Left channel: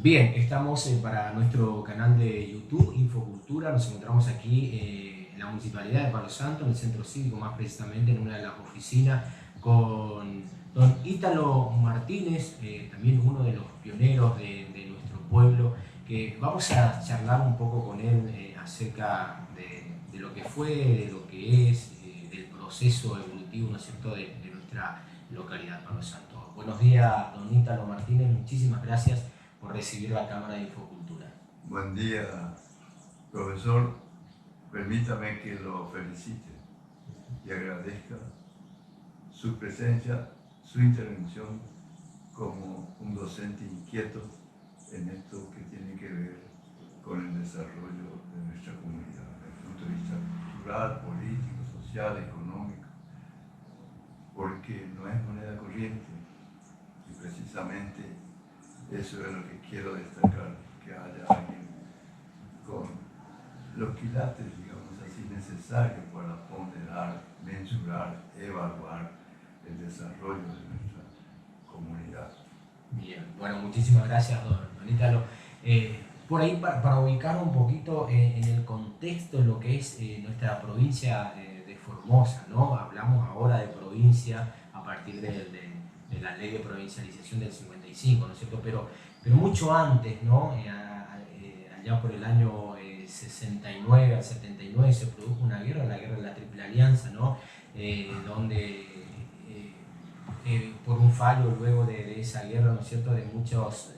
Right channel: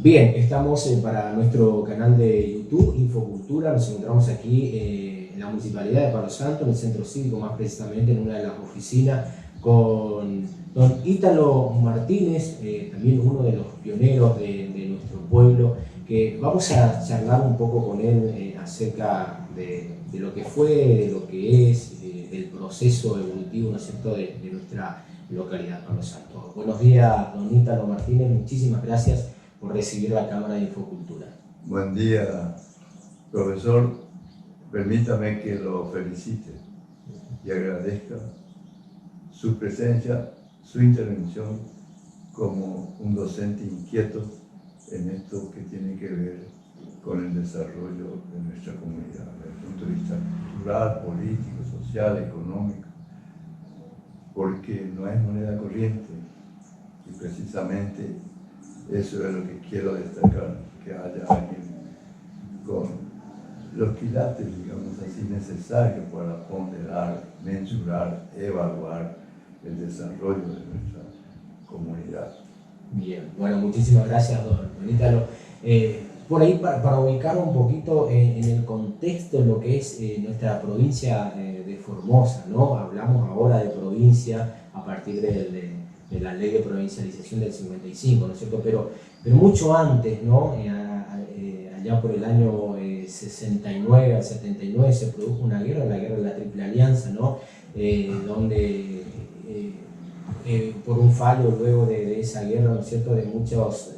Bien, estamos para nuestro canal de YouTube, Infocultura. Nos encontramos aquí en la Municipalidad de Palo Santo, en el Centro Cívico, más precisamente en una de las oficinas, con don Ítalo Martínez, también uno de los pioneros de nuestro pueblo, que vamos a charlar un poco con él acerca de lo que fue, de lo que es, del proceso evolutivo, ¿no es cierto?, de nuestra localidad, Palo Santo. Buenos días, don Ítalo Martínez, muchísimas gracias por recibir la Cámara de Infocultura. Buen día, profesor. Permítame que lo felicite y agradezca su presencia, su intervención como un docente inquieto en esto que tiene que ver con el desarrollo de nuestra comunidad, desde el punto de vista cultural, político, social, económico, porque no es moneda corriente y precisamente eso es lo que quiero destacar, que haya alguien con los quilates, digamos así, necesarios para ponderar, mensurar, evaluar el desarrollo de nuestra comunidad. Bien, bueno, muchísimas gracias, don Ítalo. Por ahí, para ubicar un poquito en el contexto lo que es nuestra provincia de Formosa, ¿no? Hablamos ahora de provincia a partir de la ley de provincialización del 55, ¿no es cierto? Pero mucho antes, ¿no? Allá por el año 69 al 79 se produjo una guerra, la guerra de la Triple Alianza, ¿no? Donde por un fallo luego de esa guerra, ¿no es cierto?, de muchos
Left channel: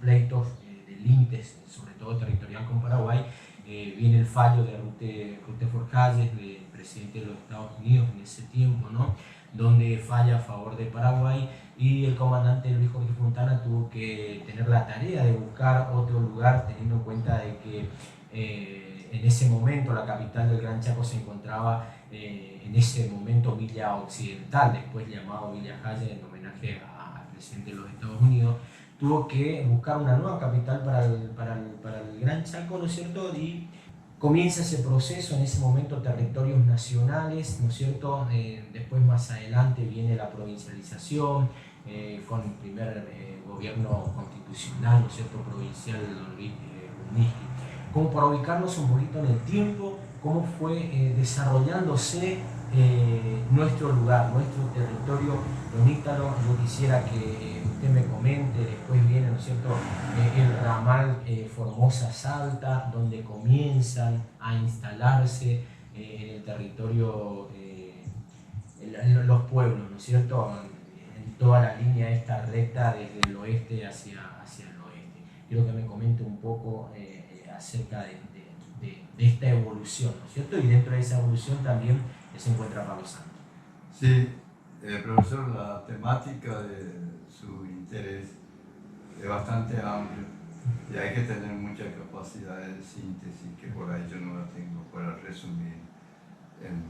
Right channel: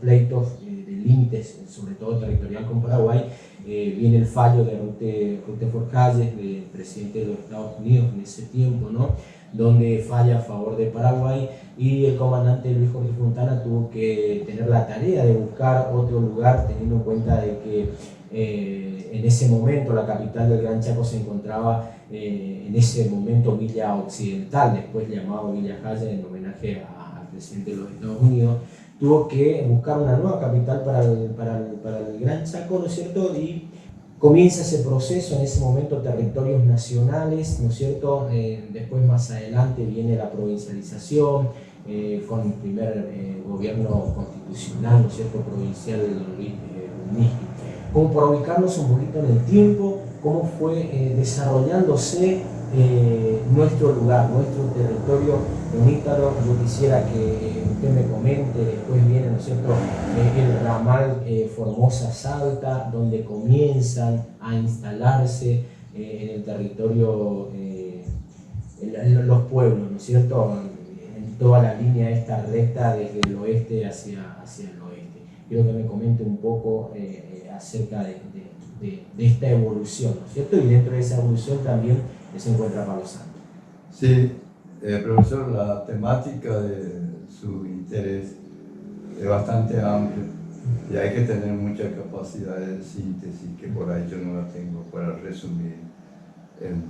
pleitos de límites, sobre todo territorial con Paraguay, viene el fallo de Rutherford Hayes, del presidente de los Estados Unidos en ese tiempo, ¿no?, donde falla a favor de Paraguay, y el comandante Luis Jorge Fontana tuvo que tener la tarea de buscar otro lugar, teniendo en cuenta de que en ese momento la capital del Gran Chaco se encontraba en ese momento Villa Occidental, después llamado Villa Hayes en homenaje al presidente de los Estados Unidos. Tuvo que buscar una nueva capital para el Gran Chaco, ¿no es cierto? Y comienza ese proceso, en ese momento territorios nacionales, ¿no es cierto? Después más adelante viene la provincialización, con el primer gobierno constitucional, ¿no es cierto?, provincial de don Luis Unisqui. Como para ubicarnos un poquito en el tiempo, cómo fue desarrollándose nuestro lugar, nuestro territorio. Don Ítalo, yo quisiera que usted me comente, después viene, ¿no es cierto?, el ramal Formosa-Salta, donde comienzan a instalarse en el territorio en los pueblos, ¿no es cierto?, en toda la línea esta recta desde el oeste hacia el oeste. Quiero que me comente un poco acerca de esta evolución, ¿no es cierto? Y dentro de esa evolución también se encuentra Palo Santo. Sí, profesor, la temática de su interés es bastante amplia y hay que tener mucha capacidad de síntesis, que por ahí yo no la tengo para resumir en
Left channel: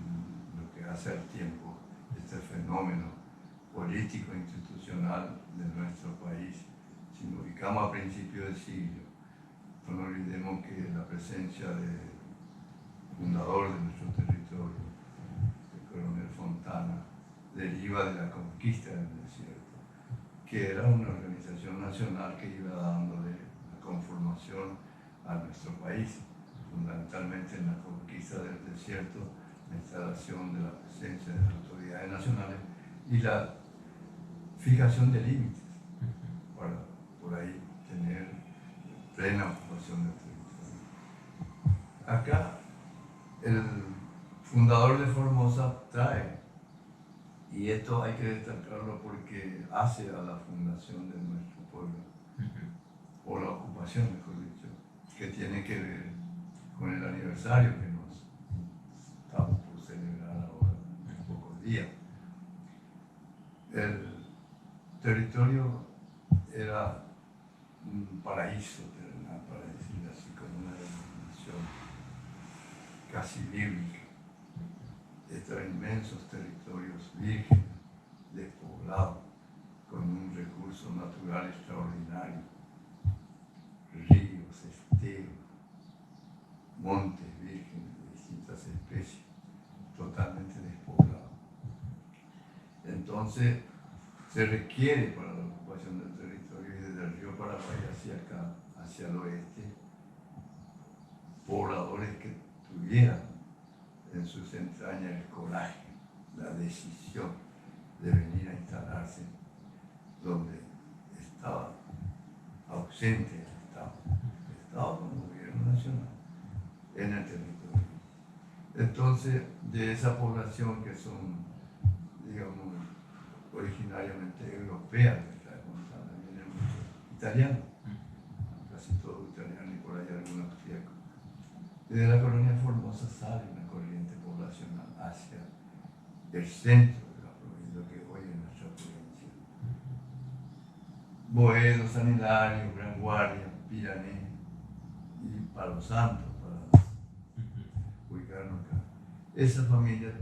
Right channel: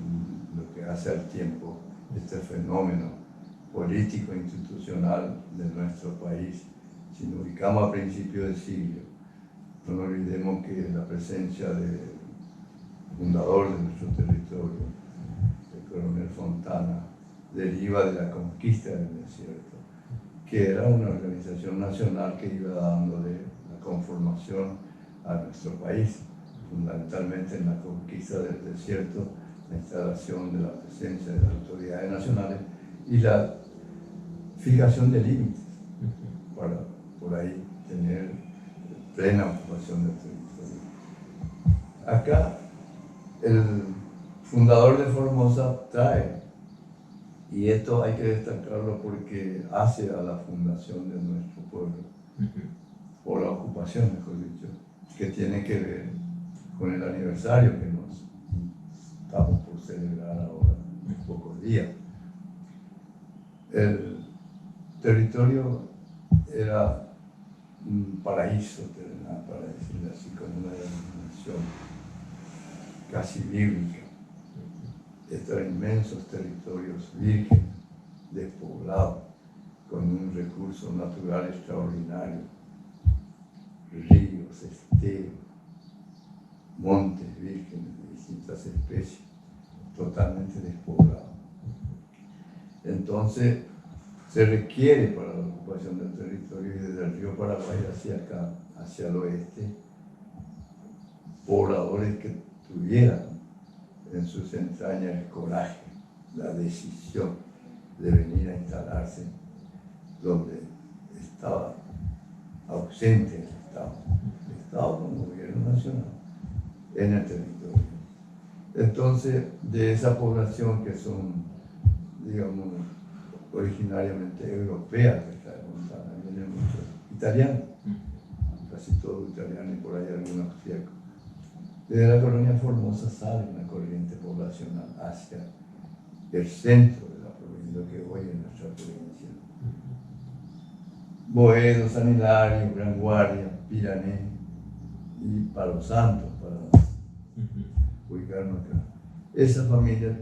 lo que hace al tiempo este fenómeno político e institucional de nuestro país. Si nos ubicamos a principios del siglo, no nos olvidemos que la presencia del fundador de nuestro territorio, el coronel Fontana, deriva de la conquista del desierto, que era una organización nacional que iba dándole la conformación a nuestro país, fundamentalmente en la conquista del desierto, la instalación de la presencia de las autoridades nacionales y la fijación de límites para por ahí tener plena ocupación del territorio. Acá el fundador de Formosa trae, y esto hay que destacarlo porque hace a la fundación de nuestro pueblo, o la ocupación, mejor dicho, que tiene que ver con el aniversario que nos estamos por celebrar ahora en pocos días. El territorio era un paraíso terrenal, para decirlo así, como una denominación casi bíblica. Estos inmensos territorios vírgenes, despoblados, con un recurso natural extraordinario, ríos, esteros, montes vírgenes de distintas especies, totalmente despoblados. Entonces, se requiere para la ocupación del territorio y desde el río Paraguay Paraguay hacia acá, hacia el oeste, pobladores que tuvieran en sus entrañas el coraje, la decisión de venir a instalarse donde estaba ausente el Estado como gobierno nacional en el territorio. Entonces, de esa población que son, digamos, originariamente europeas, que trae Montana, vienen muchos italianos, casi todos italianos y por ahí algunos austríacos. Desde la colonia Formosa sale una corriente poblacional hacia el centro de la provincia, lo que hoy es nuestra provincia. Boedo, San Hilario, Gran Guardia, Pirané y Palo Santo, para ubicarnos acá. Esa familia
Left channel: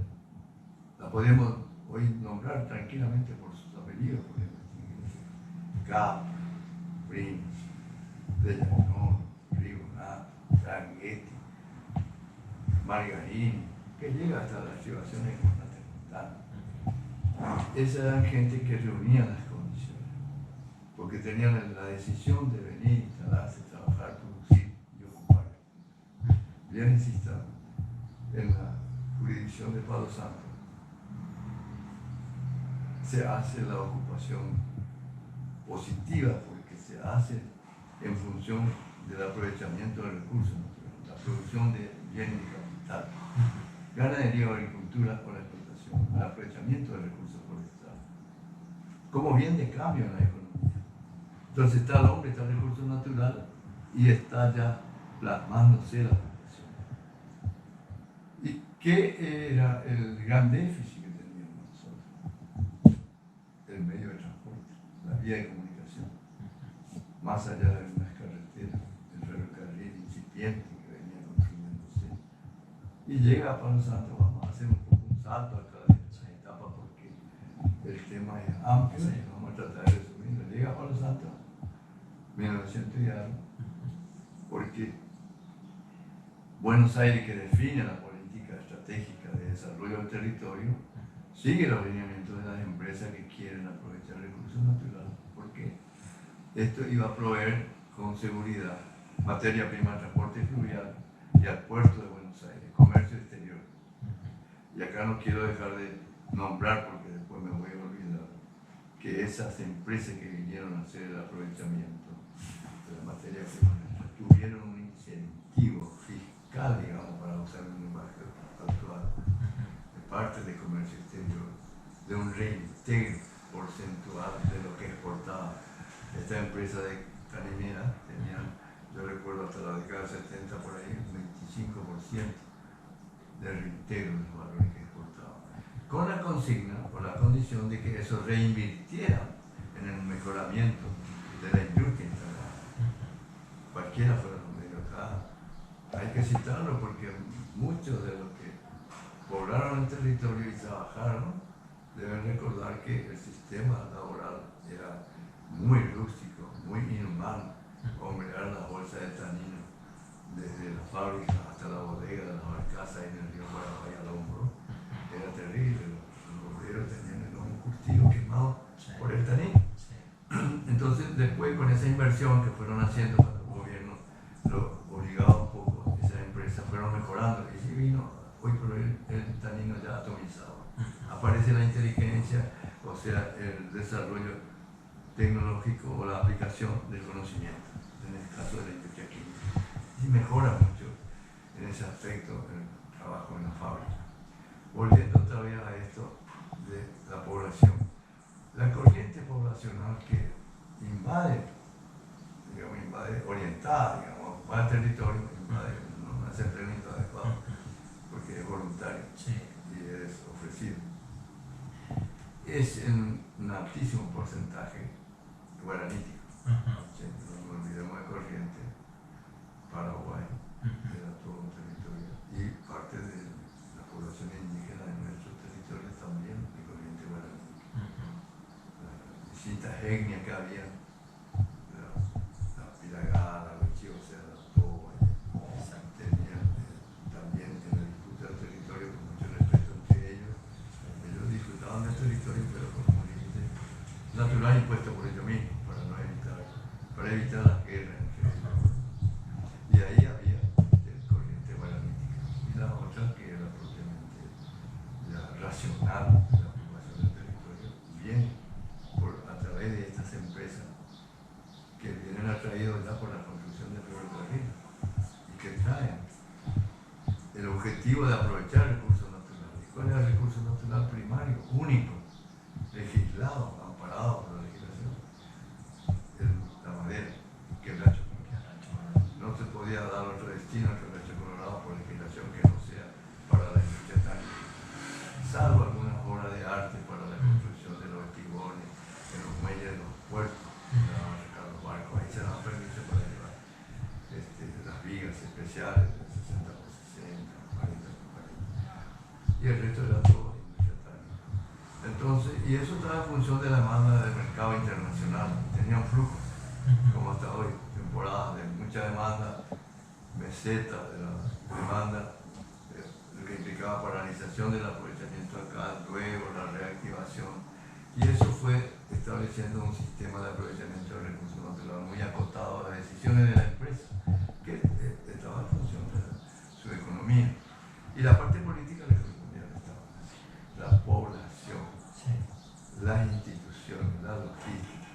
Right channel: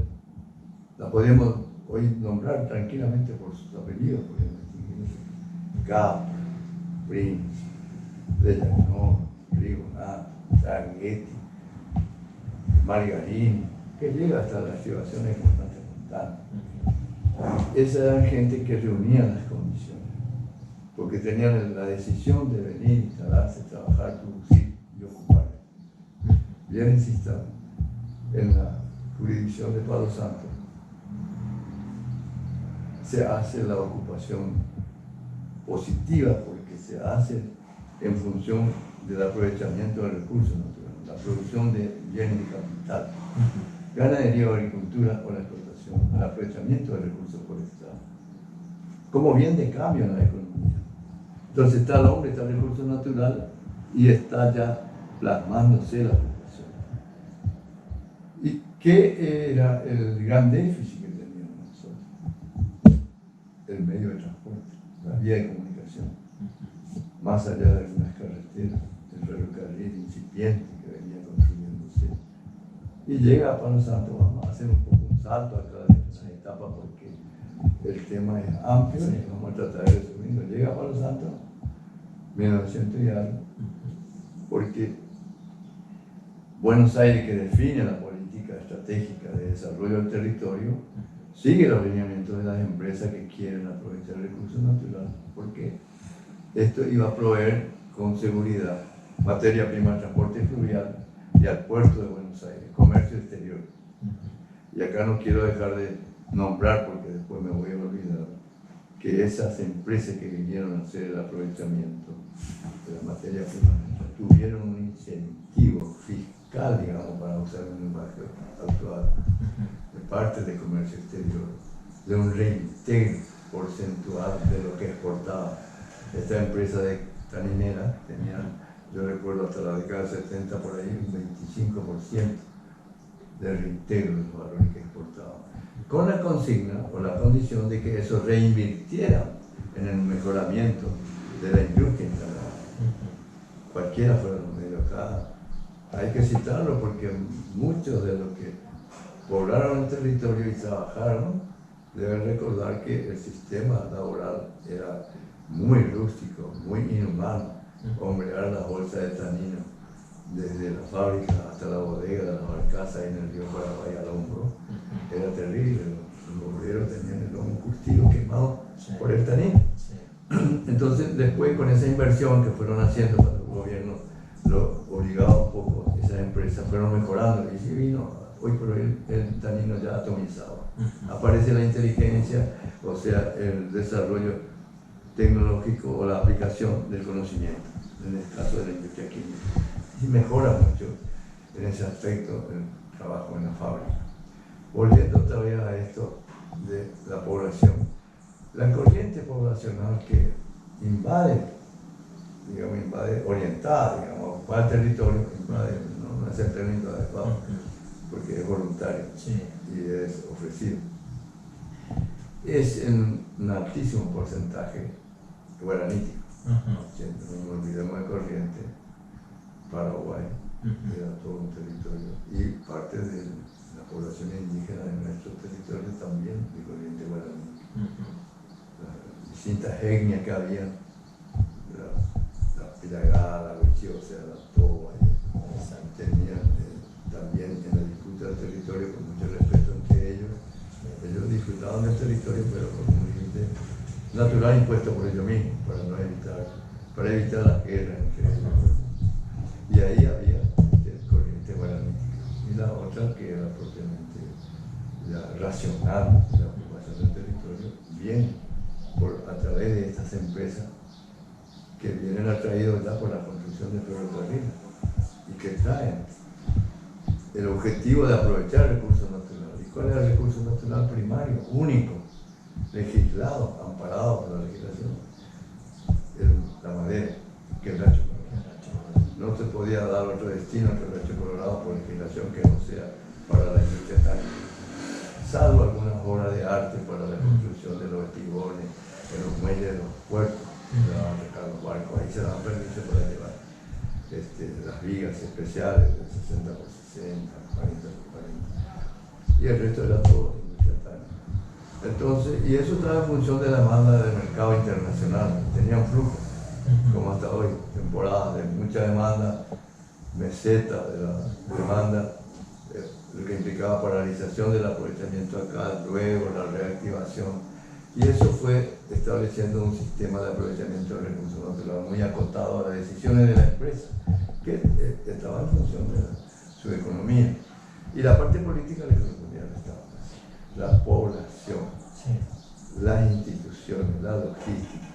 la podemos hoy nombrar tranquilamente por sus apellidos, podemos distinguir Capa, Prince, Dellanón, Rigonato, Sanguetti, Margarini, que llega hasta las activaciones de Comandante Montana. Esa eran gente que reunía las condiciones, porque tenían la decisión de venir, instalarse, trabajar, producir y ocupar. Bien insistado, en la jurisdicción de Palo Santo se hace la ocupación positiva, porque se hace en función del aprovechamiento del recurso natural, la producción de bienes de capital, ganadería o agricultura o la explotación, el aprovechamiento del recurso forestal, como bien de cambio en la economía. Entonces está el hombre, está el recurso natural y está ya plasmándose la población. ¿Y qué era el gran déficit que teníamos nosotros? El medio de transporte, la vía de comunicación, más allá de algunas carreteras, el ferrocarril incipiente que venía construyéndose. Y llega a Palo Santo, vamos a hacer un poco un salto acá de esa etapa porque el tema es amplio y vamos a tratar de resumirlo. Llega a Palo Santo, 1900 y algo, porque Buenos Aires, que define la política estratégica de desarrollo del territorio, sigue los lineamientos de las empresas que quieren aprovechar el recurso natural, porque esto iba a proveer con seguridad materia prima, transporte fluvial y al puerto de Buenos Aires, comercio exterior. Y acá no quiero dejar de nombrar, porque después me voy a olvidar, que esas empresas que vinieron a hacer el aprovechamiento de la materia prima tuvieron un incentivo fiscal, digamos, para usar un lenguaje actual, de parte del comercio exterior, de un reintegro porcentual de lo que exportaba. Esta empresa de taninera tenían, yo recuerdo hasta la década del 70 por ahí, un 25% de reintegro de los valores que exportaban, con la consigna o la condición de que eso reinvirtiera en el mejoramiento de la industria instalada. Cualquiera fuera los medios acá, hay que citarlo porque muchos de los que poblaron el territorio y trabajaron deben recordar que el sistema laboral era muy rústico, muy inhumano. Hombrear las bolsas de tanino desde la fábrica hasta la bodega de las barcazas en el río Paraguay al hombro era terrible. Los obreros tenían el lomo curtido, quemado por el tanino. Entonces, después con esa inversión que fueron haciendo cuando el gobierno lo obligaba un poco, esas empresas fueron mejorando y sí vino hoy por hoy el tanino ya atomizado. Aparece la inteligencia, o sea, el desarrollo tecnológico o la aplicación del conocimiento, en el caso de la industria química. Y mejora mucho en ese aspecto el trabajo en la fábrica. Volviendo otra vez a esto de la población. La corriente poblacional que invade, digamos, invade orientada, digamos, ocupa el territorio, invade, no es el término adecuado, porque es voluntario y es ofrecido. Es en un altísimo porcentaje guaranítico. No nos olvidemos de Corrientes, Paraguay, era todo un territorio, y parte de la población indígena de nuestro territorio también de corriente guaraní. Las distintas etnias que había, la Piragá, la Huichí, o sea, la Toba, tenían también en la disputa del territorio, con mucho respeto entre ellos. Ellos disfrutaban del territorio, pero con un límite natural impuesto por ellos mismos, para no evitar para evitar las guerras entre ellos. Y ahí había corriente guaranítica. Y la otra, que era propiamente la racional, la ocupación del territorio, viene a través de estas empresas que vienen atraídos ya por la construcción de ferrocarriles y que traen el objetivo de aprovechar el recurso natural. ¿Y cuál es el recurso natural primario, único, legislado, amparado por la legislación? La madera, quebracho colorado. No se podía dar otro destino al quebracho colorado por legislación que no sea para la industria táctica, salvo algunas obras de arte para la construcción de los espigones, en los muelles de los puertos, se daban a sacar los barcos, ahí se daban permiso para llevar las vigas especiales de 60 por 60, 40 por 40, y el resto era todo industria táctica. Entonces, y eso estaba en función de la demanda del mercado internacional, tenía un flujo, como hasta hoy, temporadas de mucha demanda, meseta de la demanda, lo que implicaba paralización del aprovechamiento acá, luego la reactivación, y eso fue estableciendo un sistema de aprovechamiento del recurso natural muy acotado a las decisiones de la empresa, que estaba en función de su economía. Y la parte política le correspondía al Estado, la población, sí, las instituciones, la logística,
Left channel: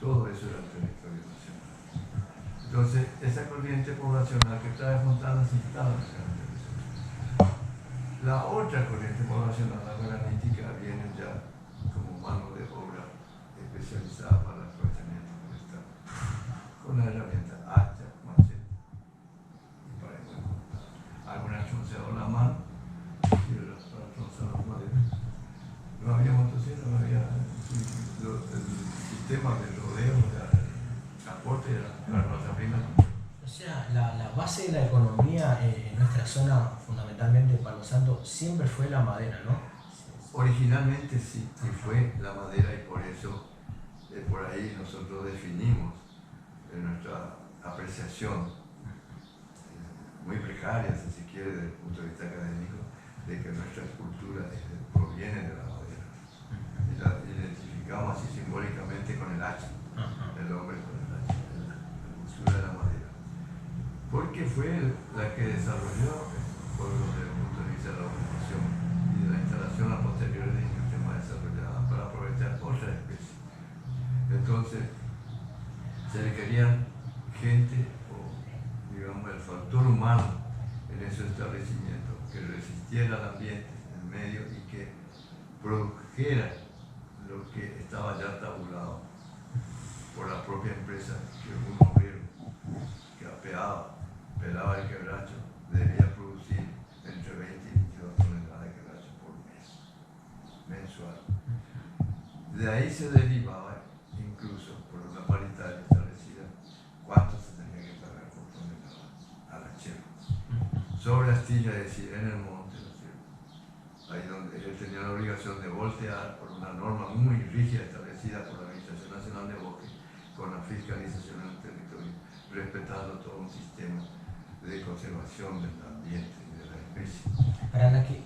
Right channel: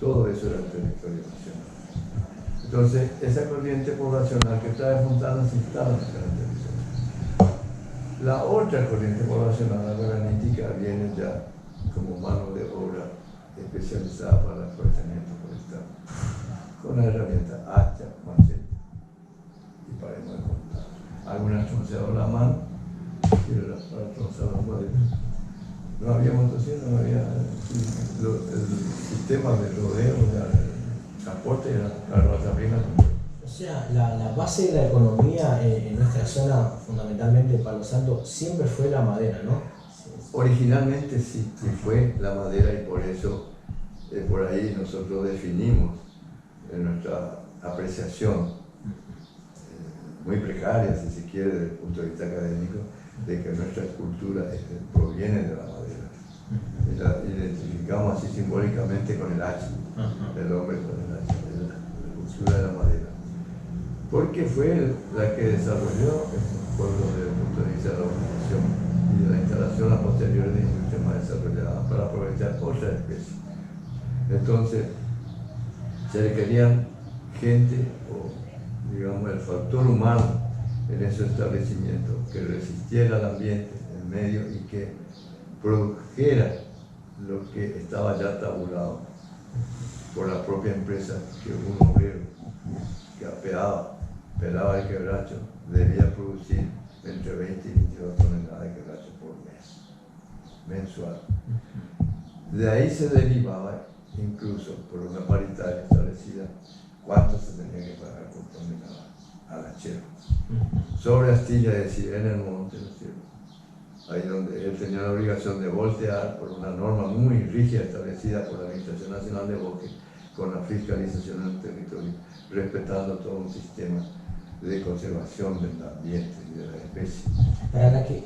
todo eso era el territorio nacional. Entonces, esa corriente poblacional que está desmontada se instala en el territorio. La otra corriente poblacional, la guaranítica, viene ya como mano de obra especializada para el aprovechamiento forestal, con la herramienta hacha, machete y paremos de contar. Algunas tronceaban la mano y otras para tronzar las maderas. No había motosierra, no había el sistema de rodeo, de transporte, era carroza prima. O sea, la base de la economía en nuestra zona, fundamentalmente Palo Santo, siempre fue la madera, ¿no? Originalmente sí, y fue la madera, y por eso por ahí nosotros definimos nuestra apreciación, muy precaria si se quiere desde el punto de vista académico, de que nuestra cultura proviene de la madera. Y la identificamos así simbólicamente con el hacha, el hombre con el hacha, la cultura de la madera. Porque fue la que desarrolló el pueblo desde el punto de vista de la ocupación y de la instalación a posteriori de industrias más desarrolladas para aprovechar otras especies. Entonces, se requerían gente, o digamos el factor humano en esos establecimientos, que resistiera al ambiente, el medio, y que produjera lo que estaba ya tabulado por la propia empresa, que un obrero que pelaba el quebracho debía producir entre 20 y 22 toneladas de quebracho por mes, mensual. De ahí se derivaba, incluso por una paritaria establecida, cuánto se tenía que pagar por tonelada al hachero. Sobre astilla, es decir, en el monte, ¿no es cierto? Ahí donde él tenía la obligación de voltear por una norma muy rígida establecida por la Administración Nacional de Bosques, con la fiscalización del territorio, respetando todo un sistema de conservación del ambiente y de la especie.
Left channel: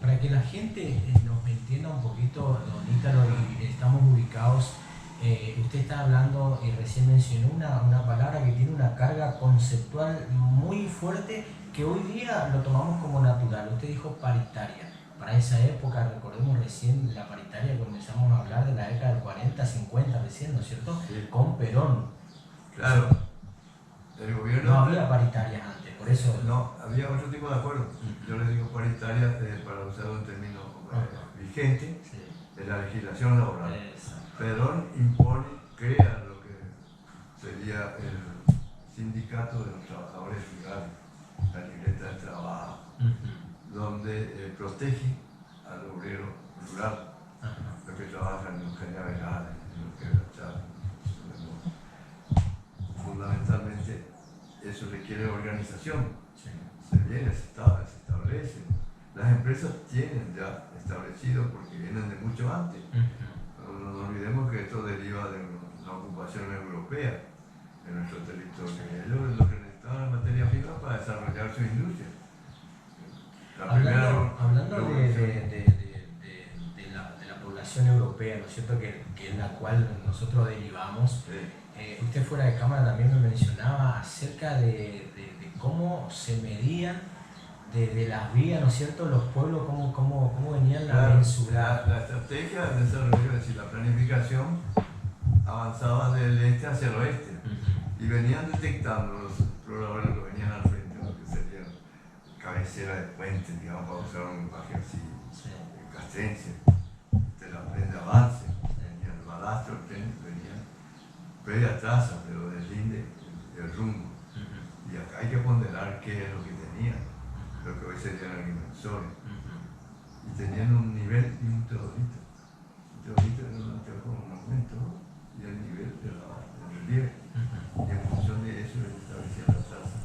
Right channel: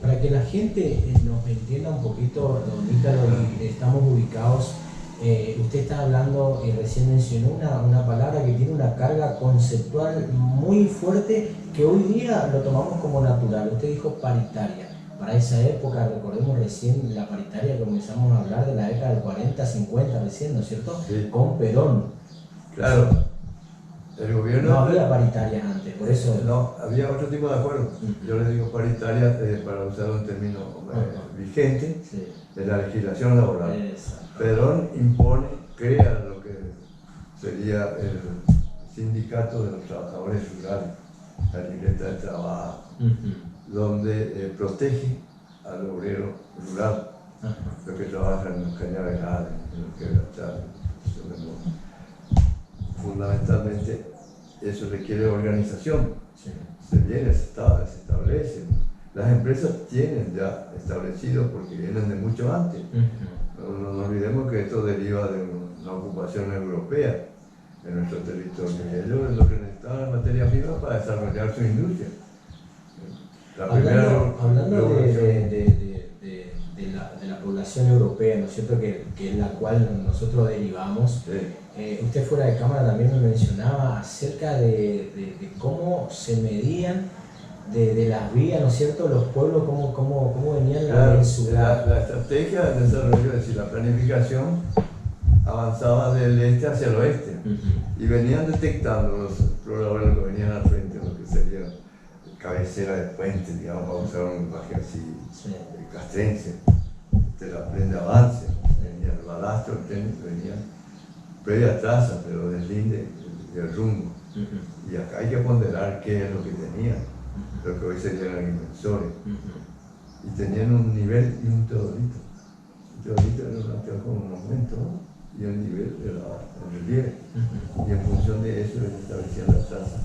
Para que la gente nos entienda un poquito, don Ítalo, y estamos ubicados, usted está hablando y recién mencionó una palabra que tiene una carga conceptual muy fuerte que hoy día lo tomamos como natural. Usted dijo paritaria. Para esa época, recordemos recién la paritaria, comenzamos a hablar de la década del 40, 50 recién, ¿no es cierto? Sí. Con Perón. Claro. El gobierno... No había paritarias antes, por eso... No, había otro tipo de acuerdo. Yo le digo paritaria para usar un término vigente, sí, de la legislación laboral. Perón impone, crea lo que sería el sindicato de los trabajadores rurales, la libreta de trabajo, donde protege al obrero rural, los que trabajan en los cañaverales, en los quebrachales. Fundamentalmente eso requiere organización, sí, se establece. Las empresas tienen ya establecido porque vienen de mucho antes. No nos olvidemos que esto deriva de una ocupación europea en nuestro territorio, y ellos es lo que necesitaban la materia prima para desarrollar su industria. Hablando de la población europea, europea, ¿no es cierto?, que es la cual nosotros derivamos. Sí. Usted fuera de cámara también me mencionaba acerca de cómo se medían de las vías, ¿no es cierto?, los pueblos, cómo venían Claro, en su la estrategia de desarrollo, es decir, la planificación, avanzaba del este hacia el oeste y venían detectando los exploradores que venían al frente, lo que sería cabecera de puente, digamos, para usar un lenguaje así castrense, de la prenda avance, venía el balastro, venían previa traza, pero deslinde del rumbo. Y acá hay que ponderar qué es lo que tenían, lo que hoy serían agrimensores. Y tenían un nivel y un teodolito. El teodolito era una tela con un aumento, ¿no? Y el nivel era el relieve. Y en función de eso ellos establecían la traza.